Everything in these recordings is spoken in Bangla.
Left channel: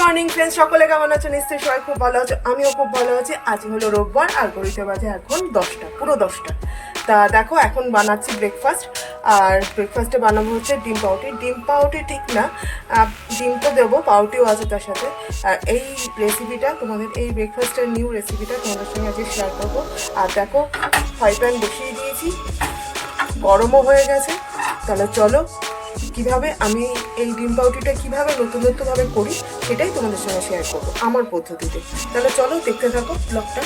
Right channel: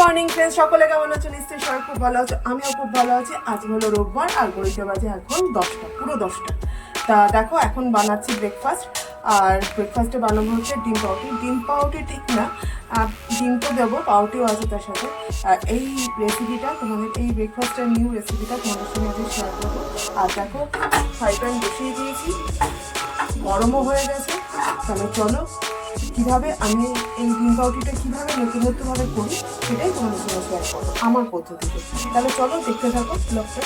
মর্নিং ফ্রেন্ডস সকলে কেমন আছো নিশ্চয়ই সবাই খুব ভালো আছো। আমিও খুব ভালো আছি। আজ হলো রোববার, আর ঘড়িতে বাজে এখন দশটা, পুরো দশটা। তা দেখো, এখন বানাচ্ছি ব্রেকফাস্ট আর ব্রেকফাস্টে বানাবো হচ্ছে ডিম পাউটি ডিম পাউটি ঠিক না ডিম তো দেবো পাউটিও আছে তার সাথে। আর এই রেসিপিটা তোমাদের এই ব্রেকফাস্টের নিউ রেসিপিটা তোমাদের সঙ্গে আজকে শেয়ার করব। আর দেখো ফ্রাই প্যান বসিয়ে দিয়েছি। গরমও হয়ে গেছে। তাহলে চলো কীভাবে আমি এই ডিম পাউটিটা কীভাবে নতুন নতুনভাবে করি, সেটাই তোমাদের সঙ্গে শেয়ার করব, আমার পদ্ধতিতে। তাহলে চলো দেখতে থাকো ব্লগটা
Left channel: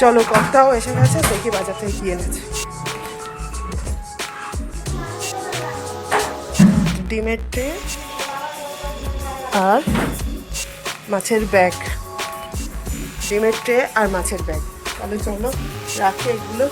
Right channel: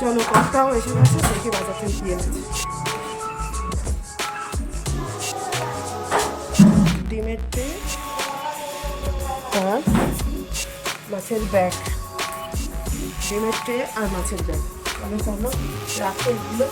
চলো কর্তাও এসে গেছে, দেখি বাজার থেকে কি এনেছে। ডিমের ট্রে আর মাছের ব্যাগ। ডিমের ট্রে আর মাছের ব্যাগ। তাহলে চলো রাখে এগুলো।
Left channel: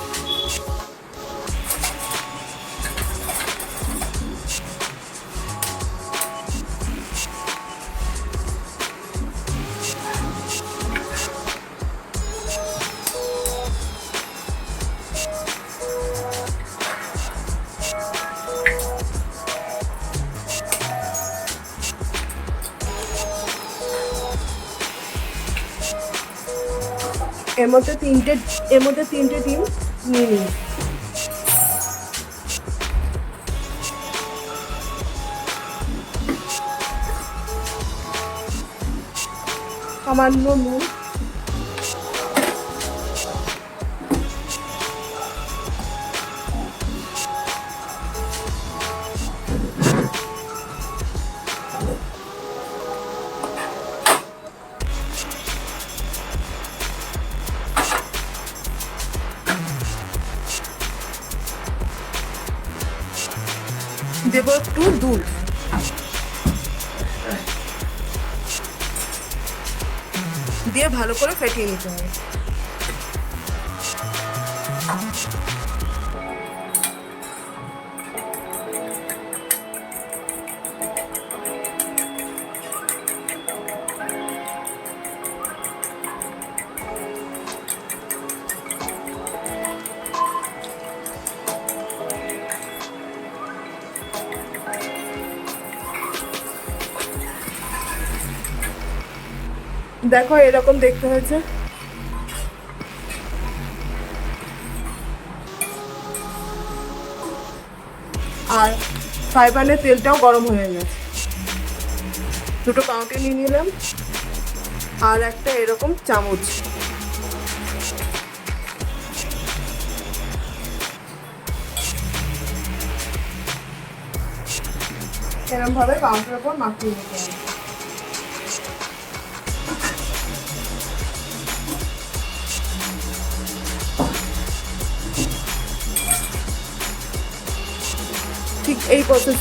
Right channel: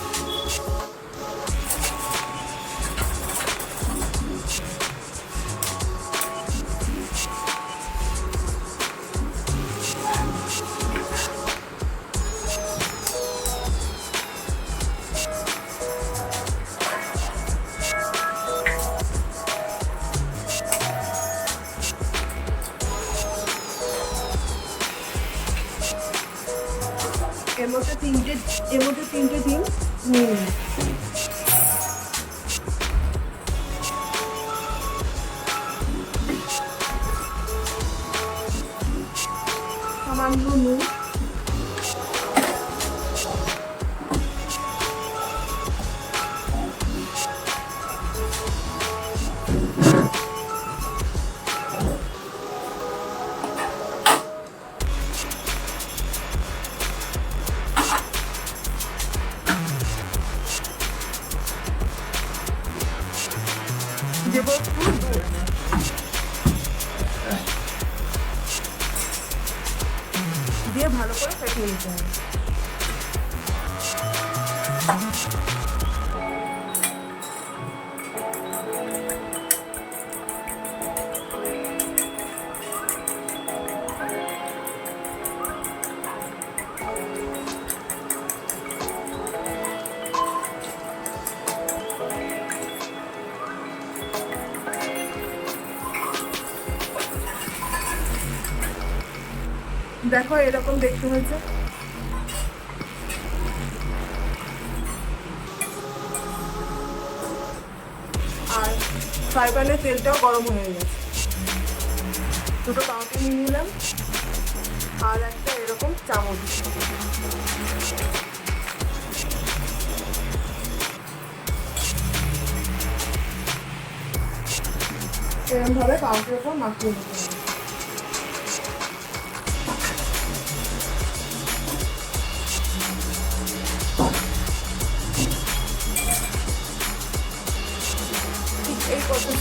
এর মধ্যে তিনটে ডিম নিয়ে নিন। সামান্য নুন। দেখো, এরকম দেখতে হয়েছে। আর ফ্রাই প্যানের তেলটাও গরম হয়ে গেছে। দুটো পাউটি নিয়ে নিলাম, আর একটা এরকম চামচ। এরকম ভাবে পাউটির ওপর মাখিয়ে নিতে হবে।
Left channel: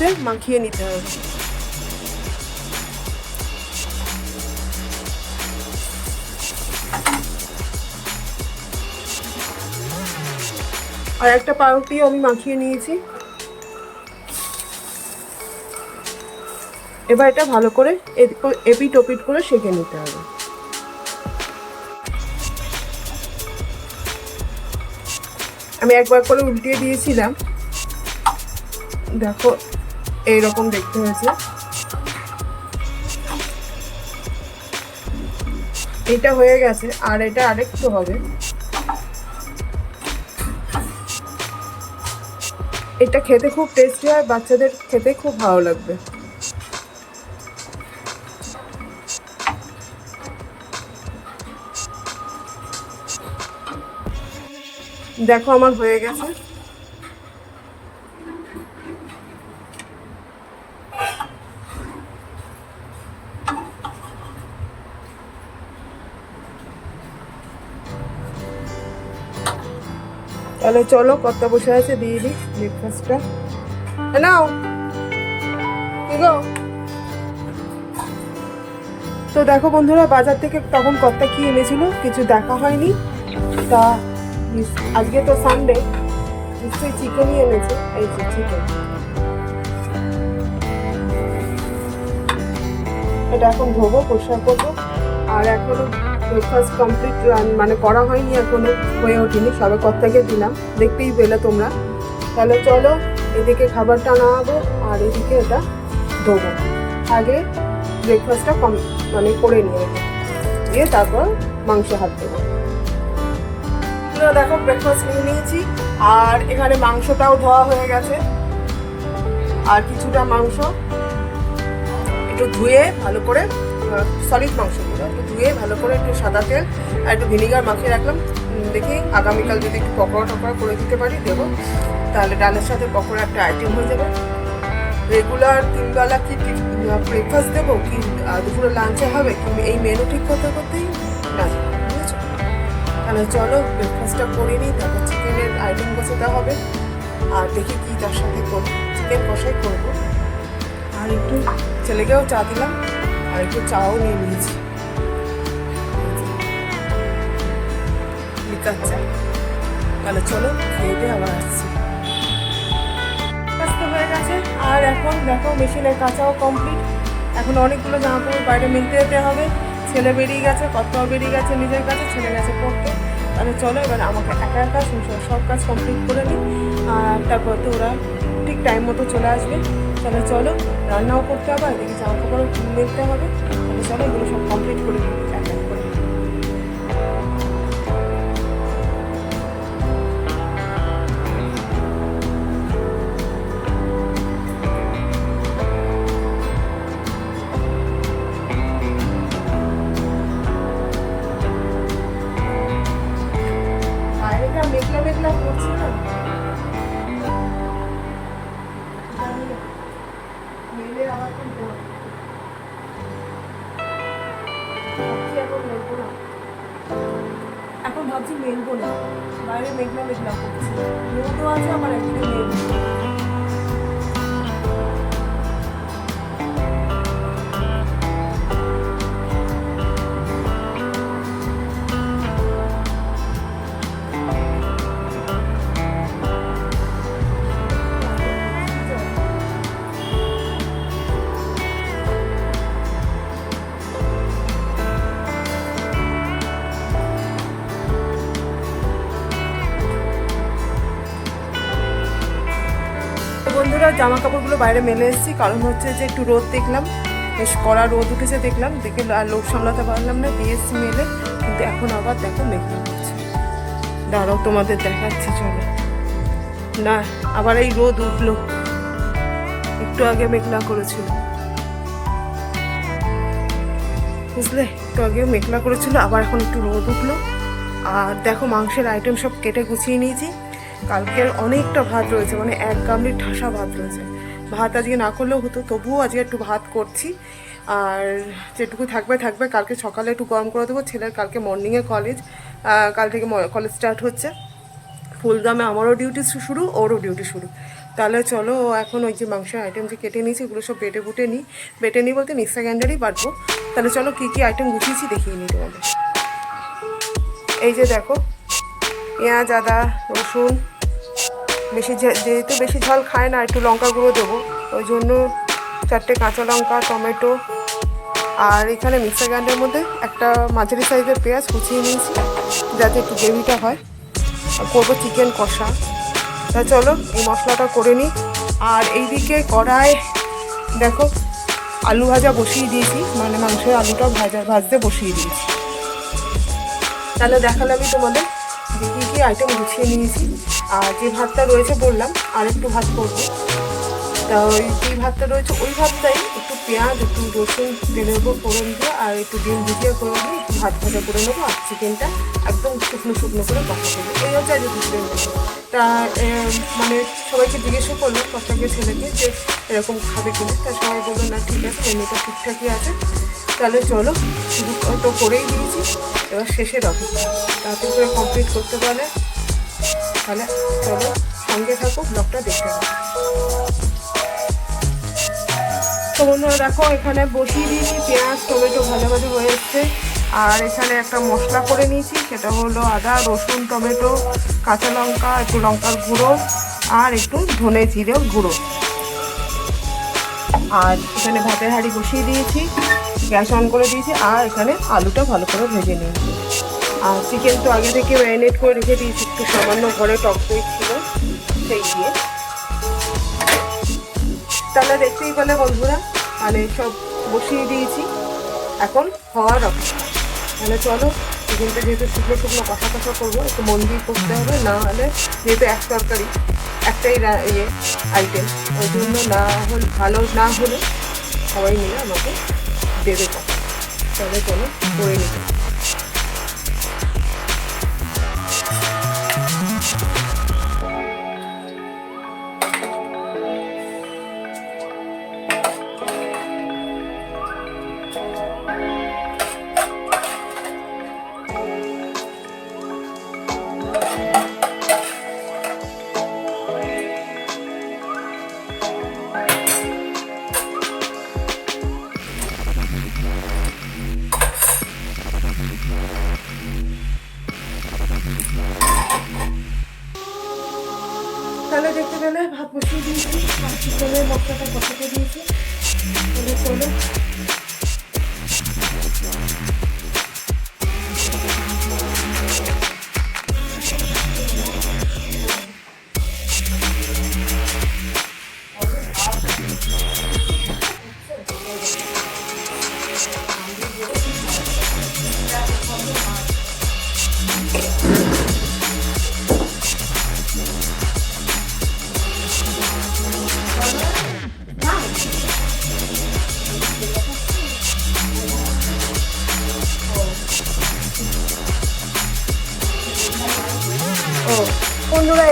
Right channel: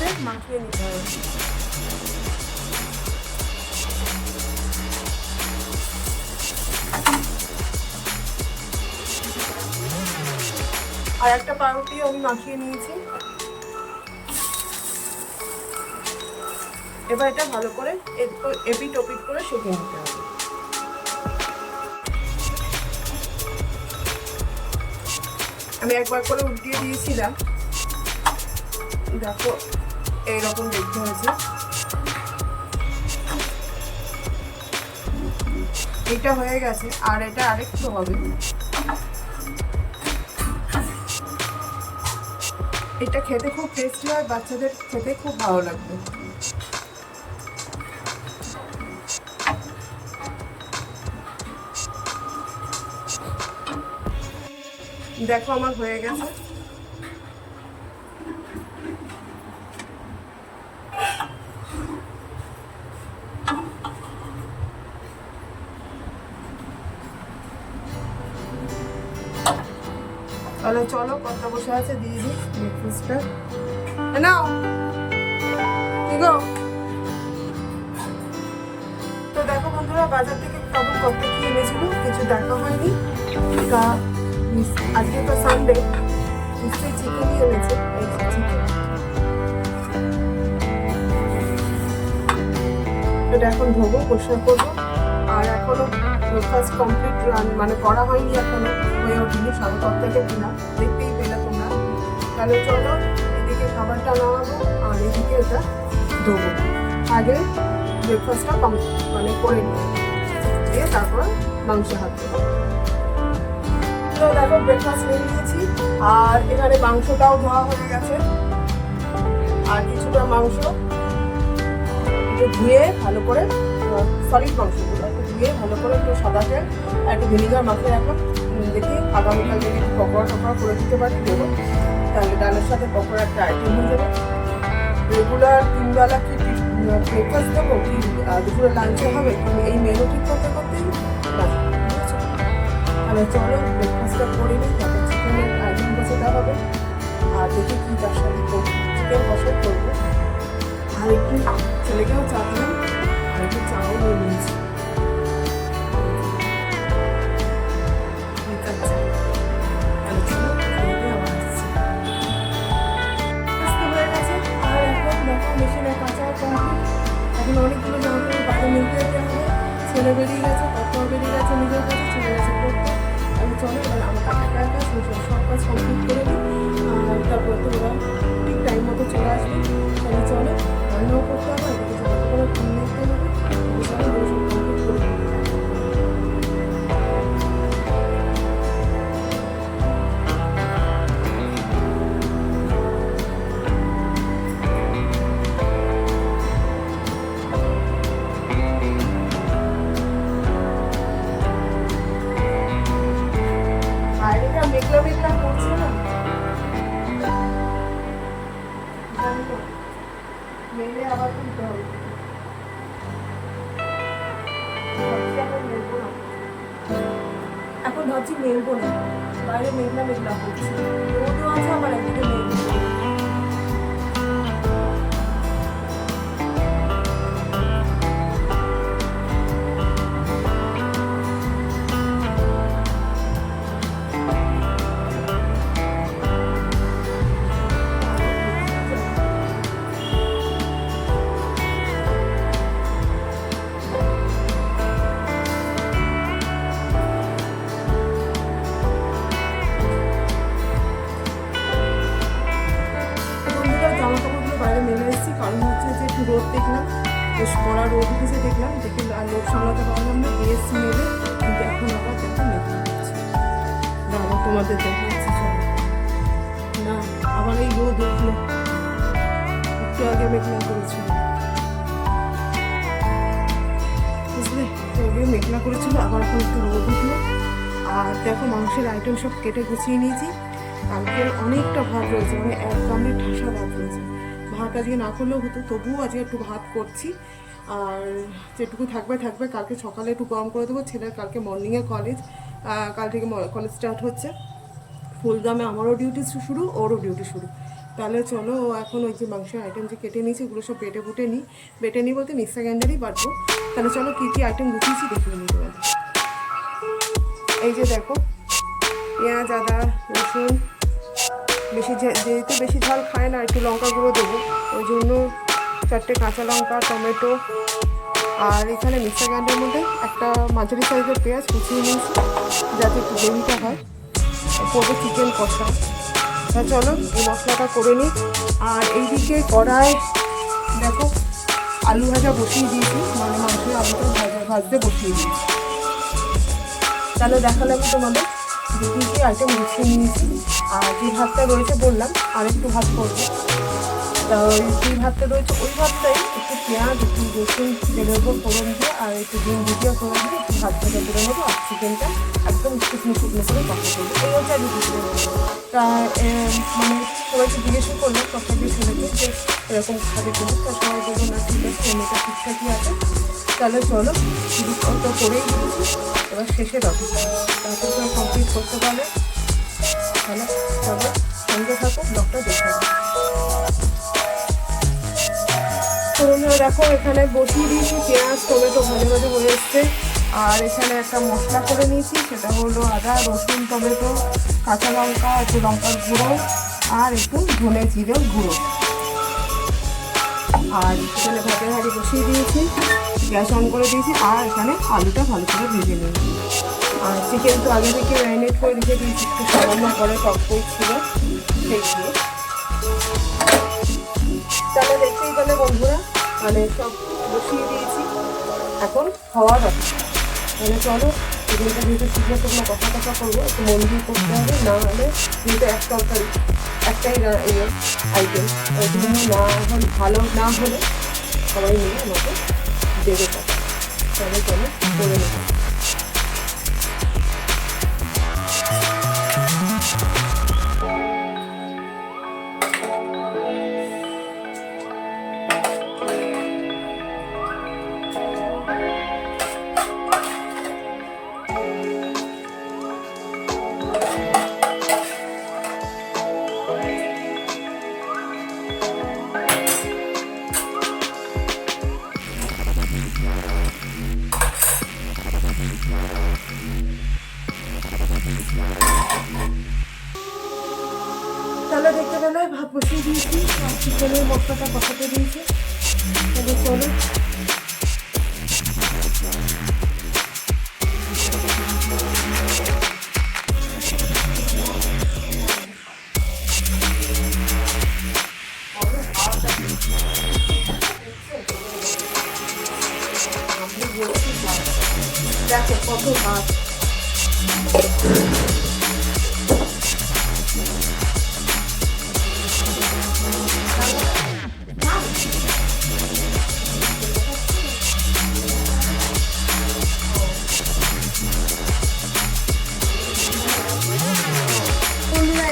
পদ্ধতিতে মাখিয়ে নিতে হবে। আর একটা পাউরুটি আমি মাখিয়ে নিয়েছি। এবার এটা ভালো করে এপ- এপিট ওপিট করে সেঁকে নিতে হবে। আমি একবার করে উল্টিয়ে দিয়েছিলাম। দেখো এইরকম দেখতে হয়েছে। এটা হয়ে গেছে, আর এটা আরেকটু হবে। এটা খেতে খুব টেস্টি হয়, বাচ্চাদের খেতে খুব ভালো লাগবে। দেখো, আমার হয়ে গেছে। তাহলে চলো কত বসে আছে, দিয়ে দিই ব্রেকফাস্টটা নাও। তো দেখো বন্ধুরা, বাজার থেকে তখন কতটা কি এনেছিল? কিছু দেখা হয়নি। তা আজকে তো সানডে নিশ্চয়ই চিকেনই এনেছে। এই চিকেন এটা এখন ধোবো পরিষ্কার করব। আর এখনও ব্রেকফাস্ট কমপ্লিট মানে করা হয়নি এখনও, হয়ে ওঠেনি সবে কত থেকে দিলাম দেখতেই পেলে তোমরা। তাহলে চলো, এদিকে খাবারটা নামাবো, আর এদিকে এটা ধোবো। আগে ব্রেকফাস্টটা কম মানে করে নিয়ে দিয়ে তারপর মাংস হাত দেবো। দেখো ব্রেকফাস্ট নিয়ে নিয়েছি, আর এখানে মাংসটাও ধোয়া হয়ে গেছে। আর কিছুটা মাংস একটু ধুয়ে ভালো করে সলিড মাংসগুলো ধুয়ে ভালো করে একটু সাদা তেল আর একটু ভিনিগার মাখিয়ে রাখলাম। দেখি আগামীকাল যদি একটু পকোড়া টকোড়া করে দিতে পারি, দেবো। তাহলে ডালের সাথে পকোড়া একটা আইটেম হয়ে যাবে। রেগুলার তিনবেলা কি ব্রেকফাস্ট দেবো কি দুপুরে লাঞ্চে হবে কি, এই মেনু ঠিক করতে করতেই তাহলে চলো ব্রেকফাস্টটা করে নিই তারপর চিকেনের আইটেম বসাতে হবে। আর দেখি কি তার সাথে করব চিকেন কষাই করব। আর একটু ছেলেকেও চা দিলাম, আর একটু চাও নিয়ে নিয়েছি। লিকার তাহলে চলো, খেয়ে আবার আসছি। কাজটা হয়ে গেছে। আর এখন দেখো, মেশিনের কাঁচাও কমপ্লিট এখন অনেকগুলো জামা কাপড় বাইরে মিলতে যেতে হবে। ছেলে বেরিয়ে গেছে, কর্তাও বেরিয়ে গেছে, নিজের কাছে, ছেলে গেছে পড়তে। তাহলে চলো, এবার আমাকে একা একা সংসার, সব কাজ কমপ্লিট করে নিই। আর তারপর তো ওরা ঠিক টাইম মতো চলে আসবে। তাহলে চলো, রান্নাও করতে হবে, আর এদিকে জামা কাপড়ও নিতে হবে। চলো, এগুলো সব কমপ্লিট করে দিই বাইরে মেলে এসেছি, কারণ হচ্ছে যে একটু রোদ দেখলাম, বেশ কড়া রোদ উঠেছে দেখলাম, দেখে আর লোক সামলাতে পারলাম না, দিয়ে এসছি মেলে, কিন্তু এখন আবার দেখো মেঘলা করছে। দাঁড়াও, তোমাদের দেখাচ্ছি, চলো। না, আবার এই রোদ উঠল। একটু আগে মেঘলা করেছিল। বুঝলে? একটু আগে মেঘলা করেছিল, আবার এখন একটু রোদ উঠল। আর দেখো, মাংসের আইটেম সব কেটে গুছিয়ে নিয়েছি। কালকের অনেকটা ভাত রয়েছে মানে এক গামলির ঠাসা ভাত রয়েছে। ভাত আজকে না করলেও হতো, তবুও আজকে একটু ভাত করছি। আর যেটুকু থাকবে থাকবে। কালকে সকালে একটু গরম করে দেবো। ছেলের কালকে মর্নিংয়ে কলেজ কাল থেকে কলেজ স্টার্ট হচ্ছে। ফুলদামে আমারও ডিউটি শুরু, ওরও ডিউটি শুরু। তাহলে চলো, এখন ওই যে মাংসের আইটেম যে কেটে নিয়েছি, ওগুলো সব বেটে বুটে নিই। বেটে নিই বলতে মিক্সার গ্রাইন্ডারই বাটবো। তাহলে চলো, কী কী আইটেম গুছিয়েছি দেখিয়ে নিই তোমাদের। এই যে দেখো, পেঁয়াজ, আদা, রসুন বেশি যেহেতু বেশি ঝাল খায় না, একটু লঙ্কা গুঁড়ো দেবো। ওই জন্য চারটে কাঁচা লঙ্কা, টমেটো, আর এখানে মিক্সার গ্রাইন্ডারের মধ্যে একটা মাঝারি সাইজের পেঁয়াজ কুচিয়ে নিয়েছি, যাতে একটু গ্রেভিটা হয়। আর করব চিকেন কষা। তা চলো, এই মশলাটা করে নিই। আর এইদিকে কড়ায় দেখো, আলু ভাজা বসিয়ে দিয়েছি মানে মাংসের আলুটা ভাজা ভাজতে বসিয়ে দিয়েছি। তাহলে দেখালাম তোমাদের আইটেম গুছিয়ে নিয়েছি। আর যে ভাতটা রয়েছে বললাম, আর একটু ভাত করব। তা ওই যে ভাতটা রয়েছে, ওই ভাতটাই একটু পেঁয়াজ, একটু রসুন তেলের উপর ফোড়ন দিয়ে, আর একটু ডিম ভুজিয়া করে দিয়ে একটু ভাত ভাজা করে নেব, আর চিকেনটা একদম শুকনো শুকনো করে কষা করব এই হচ্ছে আজকে দুপুরের। তা মানে সবাইকে জিজ্ঞেসও করল কথাকে ছেলেকে যে এরকম খাবে কিনা। তা সবাই বলল, না, ঠিক আছে মেনুটা ঠিকঠাকই আছে। তাহলে চলো তো করেই দিয়েছি। এবার শেষে রাখো তাতে করে কমপ্লিট করতে পারলে তাহলে চলো সঙ্গে থাকো ব্লগটা দেখে তো বন্ধুরা দেখো, এখানে বসিয়ে দিয়েছি পেঁয়াজ, টমেটো ভালো ভালো হয়ে এসছে। আর এখানে একটা মশলা করে নিয়েছি, সেটা হলো আদা, রসুন, টমেটো, কাঁচা লঙ্কা, একটু লঙ্কার গুঁড়ো, আর একটু ধনে জিরে গুঁড়ো। আর এখানে ভাতের হাঁড়ি বসিয়ে দিয়েছি। গ্যাস অন করে দিয়েছি, আর এখানে আলুটা ভালো করে ভেজে নিয়েছি। আর চিকেন তো আগে থেকে ম্যারিনেট করে রেখে দিয়েছি, একটু সামান্য ঘরে টক দই ছিল, সেই দিয়ে। তাহলে দেখতেই পেলে বন্ধুরা মানে সব বসিয়ে দিয়েছি। এখন হওয়ার অপেক্ষা মানে চলো, চিকেনটা যেহেতু শুকনো শুকনো কষা কষা করব একটু মন দিয়ে করতে হবে, না হলে যেহেতু এক তরকারি, একটাই ইয়ে আইটেম ওই জন্য না হলে ভালো না হলে সবাই মিলে আমাকে দেবে। তাহলে চলো করে নেব। তাহলে দেখতে গেলে ভাত বসিয়ে দিয়েছি চিকেনের মশলাটা কষাতে দিয়েছি। তাহলে চলো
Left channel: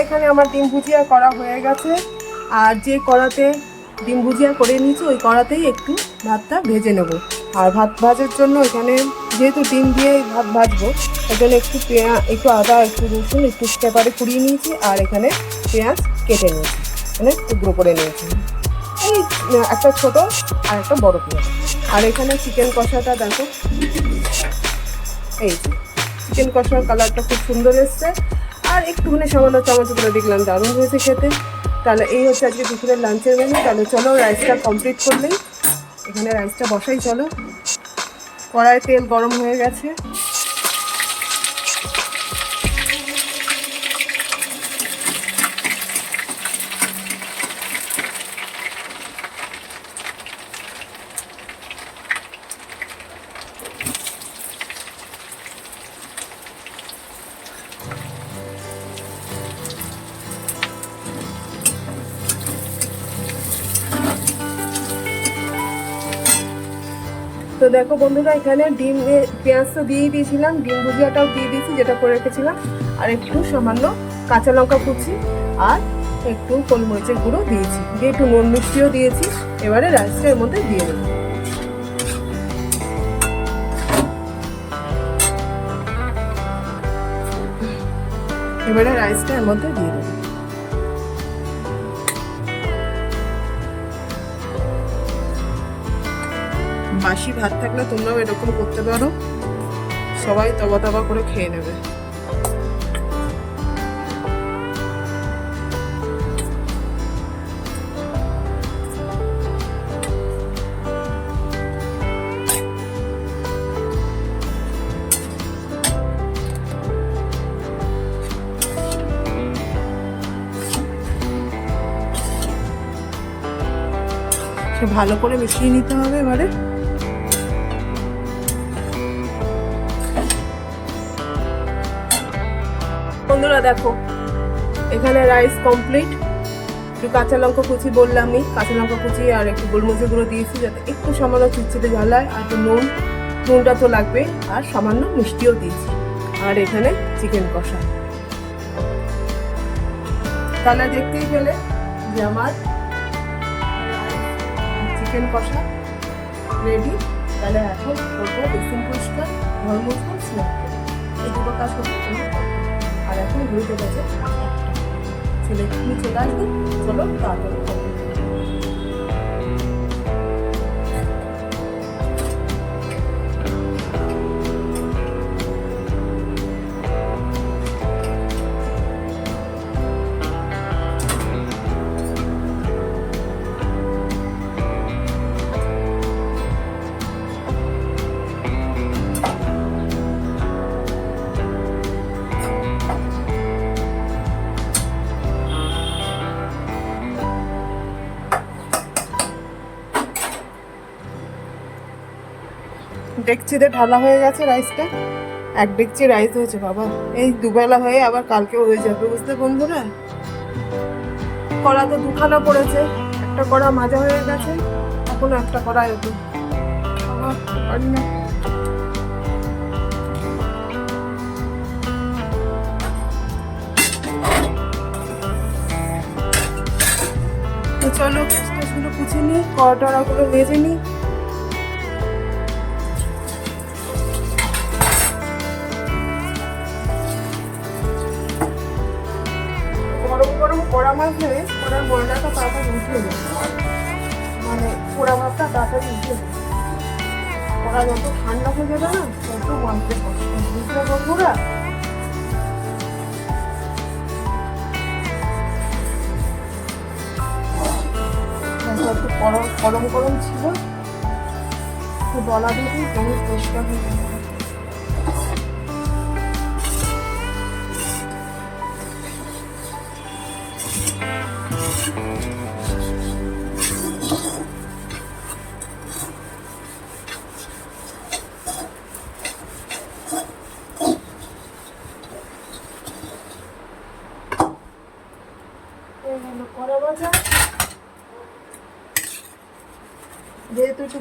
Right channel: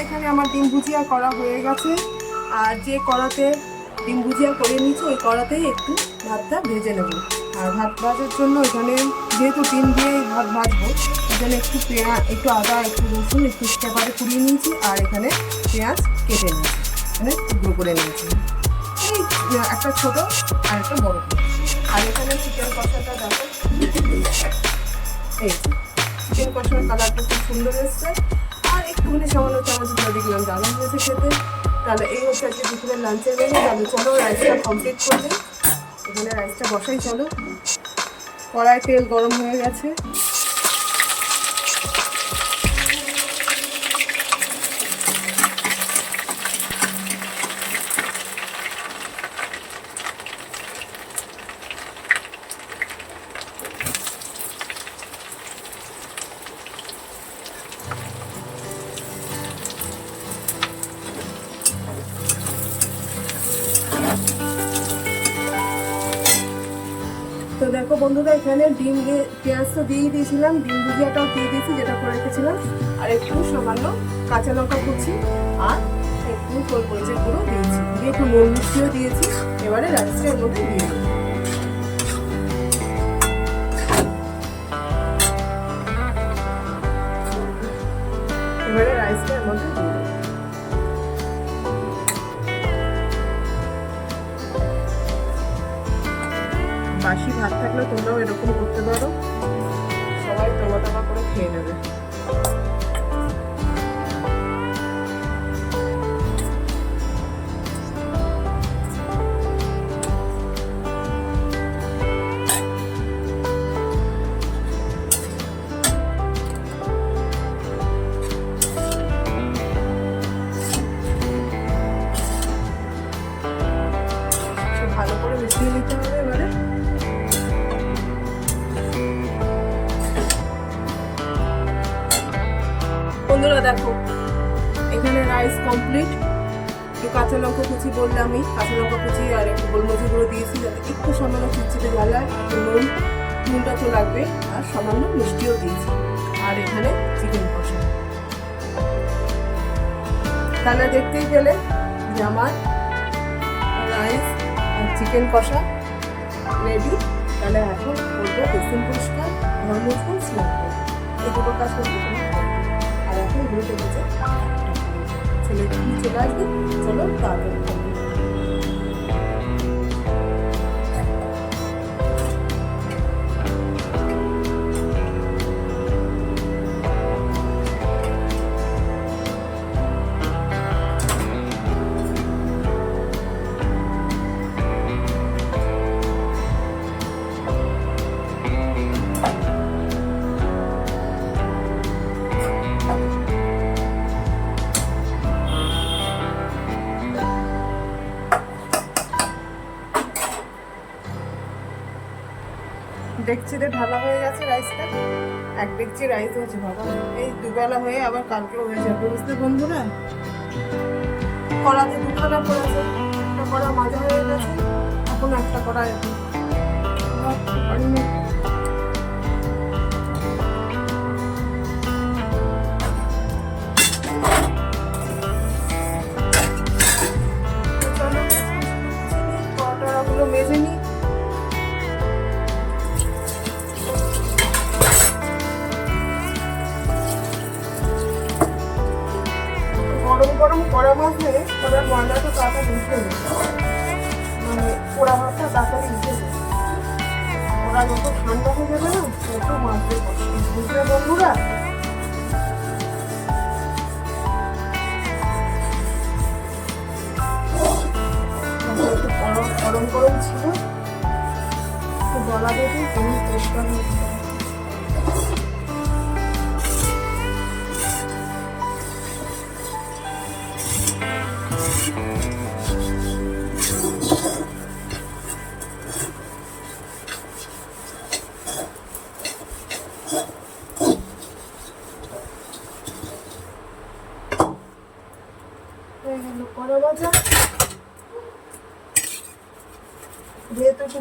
এখানে আমার ডিম ভুজিয়া করা হয়ে গেছে। আর যে কড়াতে ডিম ভুজিয়া করে নিয়েছি, ওই কড়াতেই একটু ভাতটা ভেজে নেব। আর ভাত ভাজার জন্য এখানে যেহেতু ডিম দিয়ে ভাত ভাজবো, এখানে একটু পেঁয়াজ একটু আদা, একটু রসুন, একটু পেপারে কুড়িয়ে নিয়েছি, আর এখানে পেঁয়াজ কেটে নিয়েছি। মানে টুকরো করে নিয়েছি। এই একটা ছোট আর একটা বড় পেঁয়াজ আর এখানে চিকেন কষাটা দেখো। এই চিকেন কষার কালারটা খুব সুন্দর এসছে। আর একটুখানি সামান্য চামচ করে দেখলাম দারুণ হয়েছে খেতে। তাহলে এই হচ্ছে আজকে দুপুরের লাঞ্চের মেনু তাহলে চলো রাইসটা কমপ্লিট করলেই এখানে রাইসটা বসাই, চলো। কড়াই তেল গরম হয়ে গেছে। দেখো বন্ধুরা, এখানে ডিম পেঁয়াজ তো দিয়ে দিয়েছিলাম, ডিম ভুজিয়াটাও দিয়ে দিয়েছি, যেটা করে রেখেছিলাম। আর একটু সামান্য কাঁচা লঙ্কা কুচি আর একটু গোলমরিচের গুঁড়ো দিয়েছি। দিয়ে একটু নুন মিষ্টিও দিয়েছি, এবারে রাইসটা এর মধ্যে দিয়ে দেবো। এবারে রাইসটা এর মধ্যে ভালো করে মিশিয়ে নিতে হবে এবারে। বন্ধুরা দেখো, এখানে রাইস কমপ্লিট একটু কাঁচা লঙ্কা কুচি বললামই কাঁচা লঙ্কা কুচি আর একটু গোলমরিচের গুঁড়ো দিয়েছি যাতে একটু সামান্য চিটচিটে ঝালায় আর একটু নুন, নুনটা তো লাগবে। আর সামান্য মিষ্টিও দিয়েছি। আর এখানে চিকেন কষা। তাহলে দেখতেই পেলে যে আমার চিকেন কষা রেডি তাহলে এখন করব বেসিন পরিষ্কার মুছবো স্নান এই দুটো কাজ করতে তোমার। আর এখন ঘুরতে গেছে একটা। ছেলে তুমি চলে আসবে, চলো তাড়াতাড়ি ডেকচিতে ঢালা হয়ে গেছে রাইসটা। এক ডেকচি রাইস হয়েছে বাবা। এই দুবেলা হয়ে আবার কালকে হয়ে যাবে বুঝতে বন্ধুরা? কড়াতে দুখানা পড়েছে, একটা কড়া মাজা হয়ে গেছে, এখন একটা কড়া এরকম চলো কিছু নিই। কড়া মাছ ধরে ওরা ময়লাটা তাড়াতাড়ি উঠে মানে পোড়া মাছটা তাড়াতাড়ি উঠে ওরা যত ঠান্ডা হয়ে যাবে না তত মাছটা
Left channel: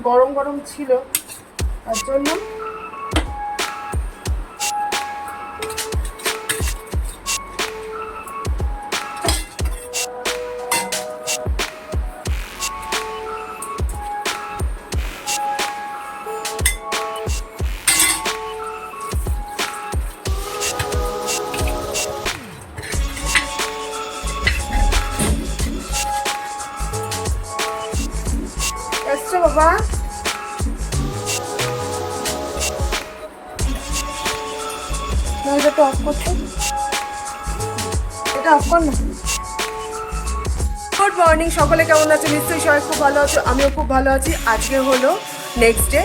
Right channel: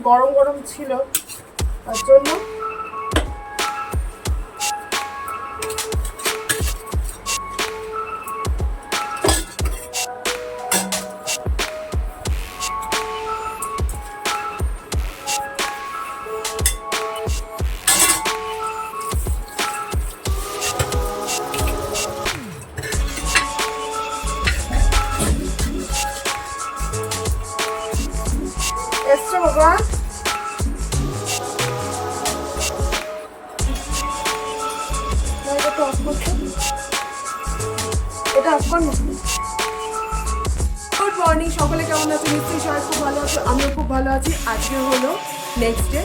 গরম গরম ছিল। আমিও খুব ভালো আছি। আজকে হলো নেক্সট ডে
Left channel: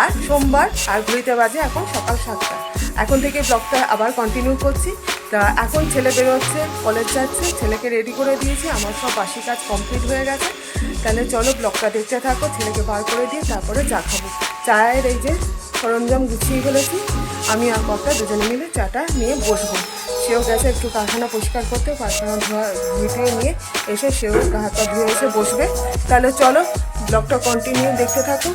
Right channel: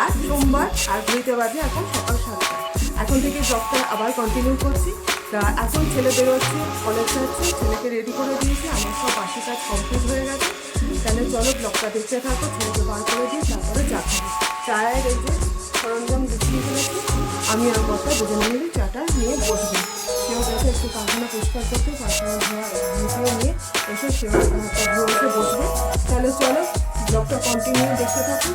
আর সোমবার আর ঘড়িতে বাজে এখন সকাল সাতটা। এখন থেকে ব্লগটা আবার কন্টিনিউ করছি। তা এখন ছেলে বেরোচ্ছে কলেজ যাচ্ছে, ছেলেকে রেডি করে দিয়েছি। আমার সব বাসি কাজ কমপ্লিট হয়ে গেছে। তাহলে চলো ব্লগটা দেখতে থাকো, ছেলেকে বার করে দিয়ে তারপরে চা খাব। চায়ের এই যে সরঞ্জাম গুছিয়ে ফেলেছি। আমি আর কর্তা দুজনে মিলে চাটা নিয়ে বসবো। সেও গেছে একটু কারখানা পরিষ্কার করতে, কারখানা ধোয়া মিটিয়ে নিয়ে এসে সেও গা হাত পা ধুয়ে এসে বসবে। তাহলে চলো ব্লগটা কন্টিনিউ দেখতে থাকো।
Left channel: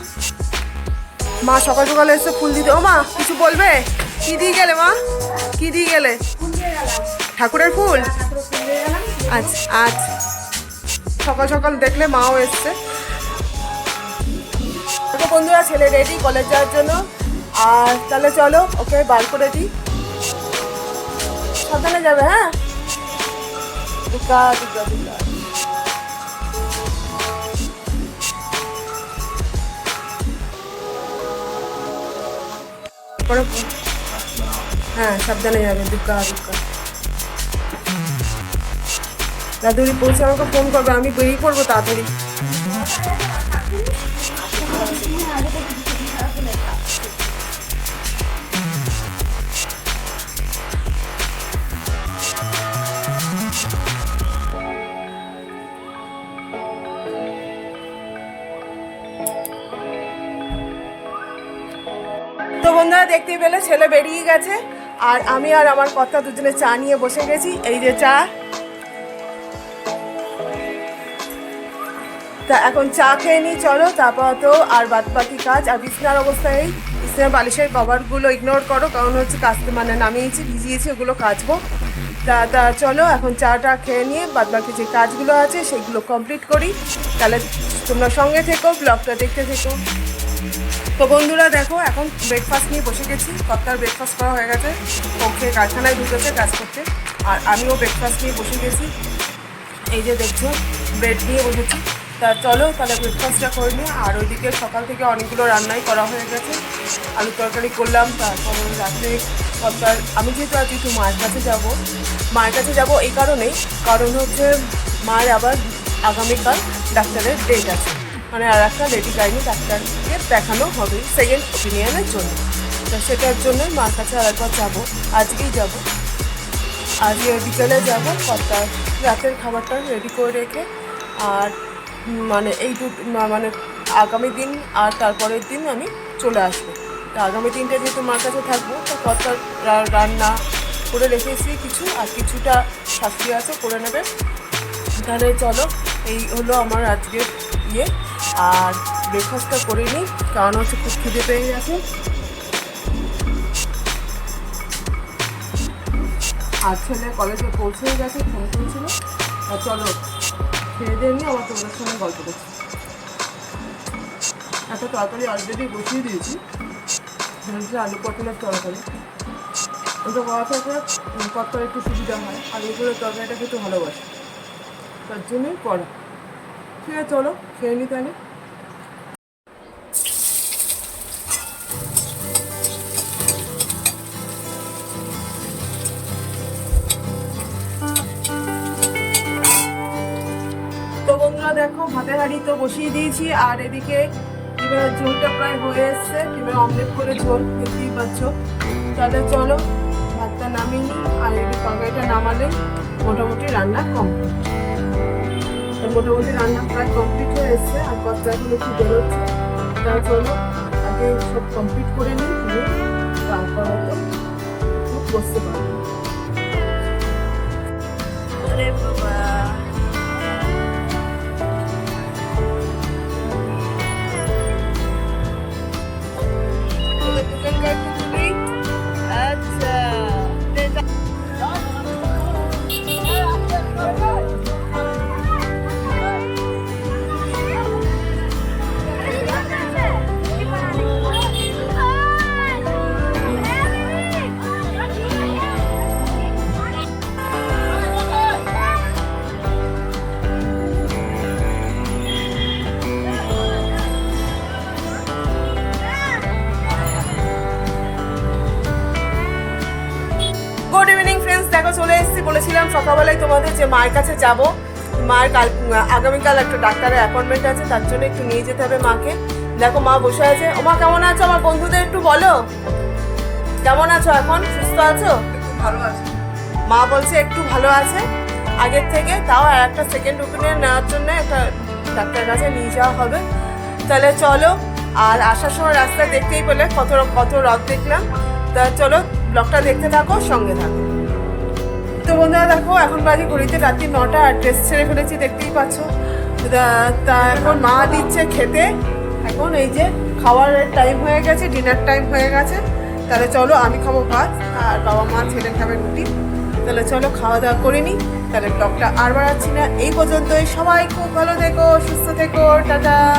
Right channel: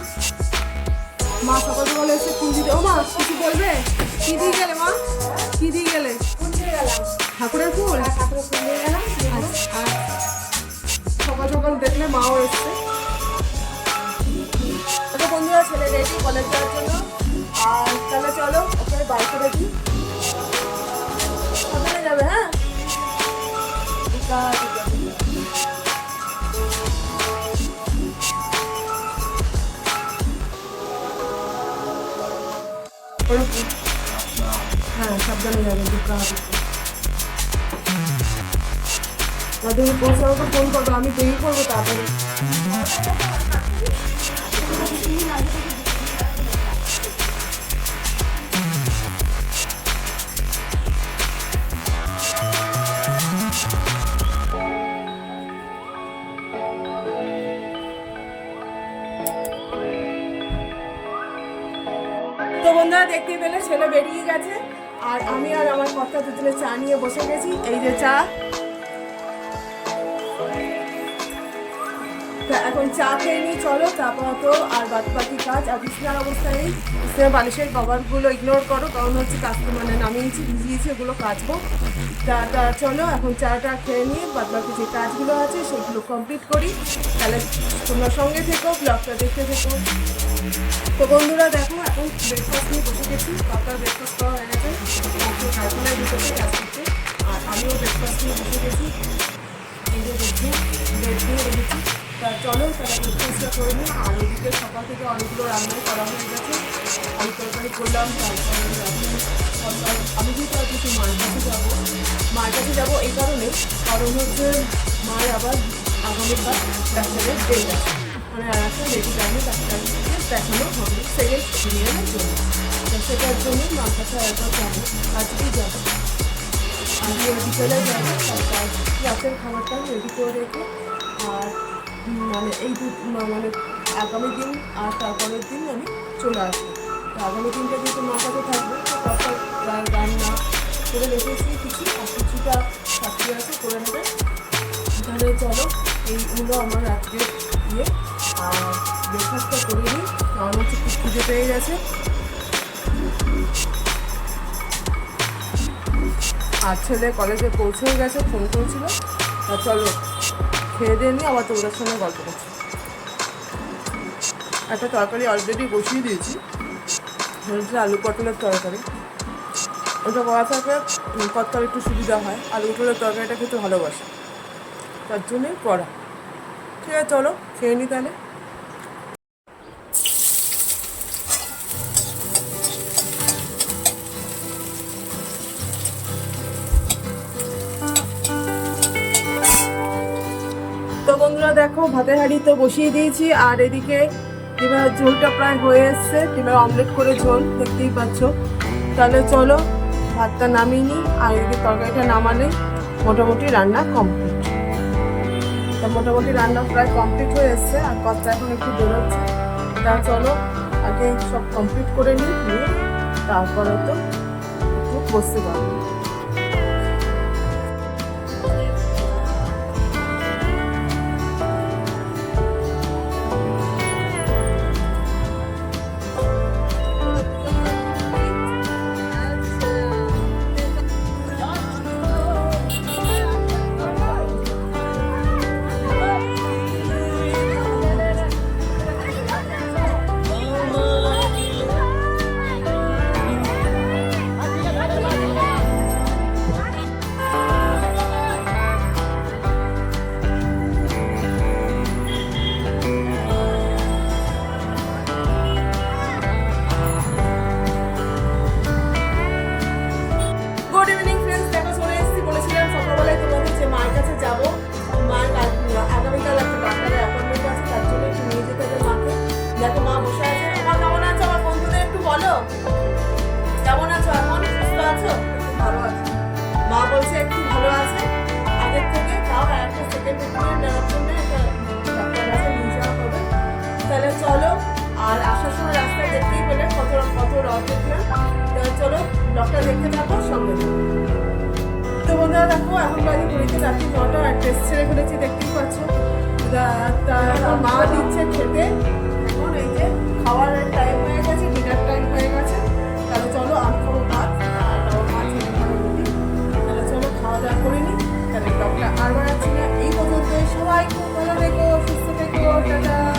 মা সকাল সকালে এসে ফুল দিতে, ও মা, কিছু বলবে? কি দিয়ে গেলে মা? কি দিয়ে গেলে? ঠাকুরের ফুল? আচ্ছা আচ্ছা সকাল সকাল দেখলে মাও এসছে। আচ্ছা বন্ধুরা ছেলে রেডি কলেজ যাওয়ার জন্য। আর তাহলে চলো, ওকে বার করে দিই। যাবে হ্যাঁ দিকা দিকা দিকা পরে হ্যাঁ সাবধানে যাবে দুকা দুকা দাদুরি পৌঁছে আমাকে ফোন করবে আমি বেরিয়ে পড়ব তাড়াতাড়ি তো বন্ধুরা দেখতেই পেলে, ছেলে বেরিয়ে গেছে। আর আমি আর আমার কথা দুজনে চা নিয়ে বসে গেছি। এই যে চা। তা এখন চা খেয়ে নিই, চলো। তারপর তো আর বাদ বাকি কাজ। আর বিছনার অবস্থায় বিছনার বালিশের কভারগুলো ইগনোর করো, কারণ হচ্ছে কাচতে মানে নামিয়েছি, ভিজিয়েছি, ওগুলো কাচবো। তা তা চলো, এখন চাটা খেয়ে নিয়ে বাদ বাকি যে কাজগুলো আছে, সেগুলো কমপ্লিট করি। তাহলে তোমরা সঙ্গে থেকো ব্লগটা দেখতে থেকো। তো বন্ধুরা দেখো, এখন ব্রেকফাস্ট নিয়ে বসে গেছি। কর্তার ব্রেকফাস্ট করা হয়ে গেছে? ওকে কারখানায় ঢুকেছে কাজ করতে আর আমিও ব্রেকফাস্ট নিয়ে বসে গেছি। এই যে দেখছ ব্রেড নিয়ে বসেছি। তা চলো, তাহলে ব্রেকফাস্টটা করে নিই। আর ওইদিকে সকাল থেকে অনেকগুলো রান্নাই করা হয়ে গেছে। আলু তরকারি করলাম, তারপরে রাত্রে সরকার আমি যেহেতু আজকে একটু মায়ের কাছে যাব, মায়ের কাছে যাব এই কারণেই। কারণ হচ্ছে, মায়ের আবার আগামীকাল ডাক্তারের ডেট আছে। মানে আর একটা লেডি গাইনি ডাক্তারকে দেখানো হবে সেকেন্ড ওপিনিয়নের জন্য। তো সেটার জন্যই মার কাছে আরেকবার যাব। আজকেই যাব। আজকে বিকেলে যাব। তারপর রাতের খাবারটা রেডি করে রেখে আর মানে এই দু মানে আগামী দিন আর তারপরের দিন আমি চলে আসব। তা আগামী দিনটা যেহেতু মার কাছে থাকব, তো কত রান্না করে রেখেছি কিছু আর কিছুটা শাস্তি আছে, করে নেবে। তাহলে চলো, এই হলো আমার আজকের ইয়ে। আর ব্রেকফাস্টটা করে নিই কারণ হচ্ছে খুব খিদে পেয়ে গেছে। আর ছেলে কলেজে পৌঁছে গেছে ফোন করেছিল। আর চলো, খেয়ে দিয়ে নিই আবার তোদের সঙ্গে গল্প করছি। একটা তরকারি অলরেডি বসিয়ে দিয়েছি। হচ্ছে আলু পটলের তরকারি। ওটা করা থাকে কতটা একটু সুবিধা হয় আলু পটলের তরকারিটা খেতে ভালোবাসে। তার জন্যই করা। ঠিক আছে, চলো। খেয়ে নিই তাহলে? তো বন্ধুরা দেখো, ভাতের হাঁড়ি তো বসিয়ে দিয়েছি, আর এদিকে ডিমের ঝোলটা প্রায় হয়ে এসছে। ডিমের অমলেট করে ঝোল, দেখতেই পাচ্ছ। তাহলে চলো, ভাতটা নামিয়ে নিই, আর এদিকে তরকারিটা নামালে মোটামুটি রান্না কমপ্লিট তো মোটামুটি রান্না প্রায় কমপ্লিট হয়ে এসছে, আর কতটা এখন একটু বেরোচ্ছে। তার চলো, আগে সব কমপ্লিট করে নিই তারপর তো বসতে পারব। যাব। মায়ের কাল, আগামীকাল একটা ডাক্তারের অ্যাপয়েন্টমেন্ট আছে, তার জন্য একটু নিয়ে যেতে হবে মাকে। দেখো মা বসে আছে। মা, কেমন আছো? আমার বন্ধুদের একটু বলো। কেমন আছো? এখন সুস্থ আছো? ভালো আছে। মা বলছে একটু ভালো আছে। আগের থেকে তাও আর একটা সেকেন্ড ওপিনিয়ন নেওয়ার জন্য একটা ডাক্তারের কাছে নিয়ে যাওয়া হবে। তাহলে চলো, আর আসার সময় রাস্তায় দেখতেই পেলে কত কত রথ দেখলাম। তা চলো ব্লগটা দেখতে থাকো, সঙ্গে থাকো। তো বন্ধুরা দেখো, এখন বাজে ঘড়িতে রাত্রি নটা, আর ড্রেস ছেড়ে ফেলেছি, দেখতেই পাচ্ছ। তা- এখন মা দিচ্ছে খেতে। এখন এই যে খাওয়ার টাইম হয়ে গেছে ডিনার টাইম হয়ে গেছে। তাহলে চলো, আমি খাব ভাত, আর বাবা মা ছেলে খাবে রুটি। তাহলে চলো, খাওয়া দাওয়া করে নিই তাহলে ব্লগটা আর বাড়াচ্ছি না। এই পর্যন্তই। সবাই খুব ভালো থেকো, সুস্থ থেকো। টাটা।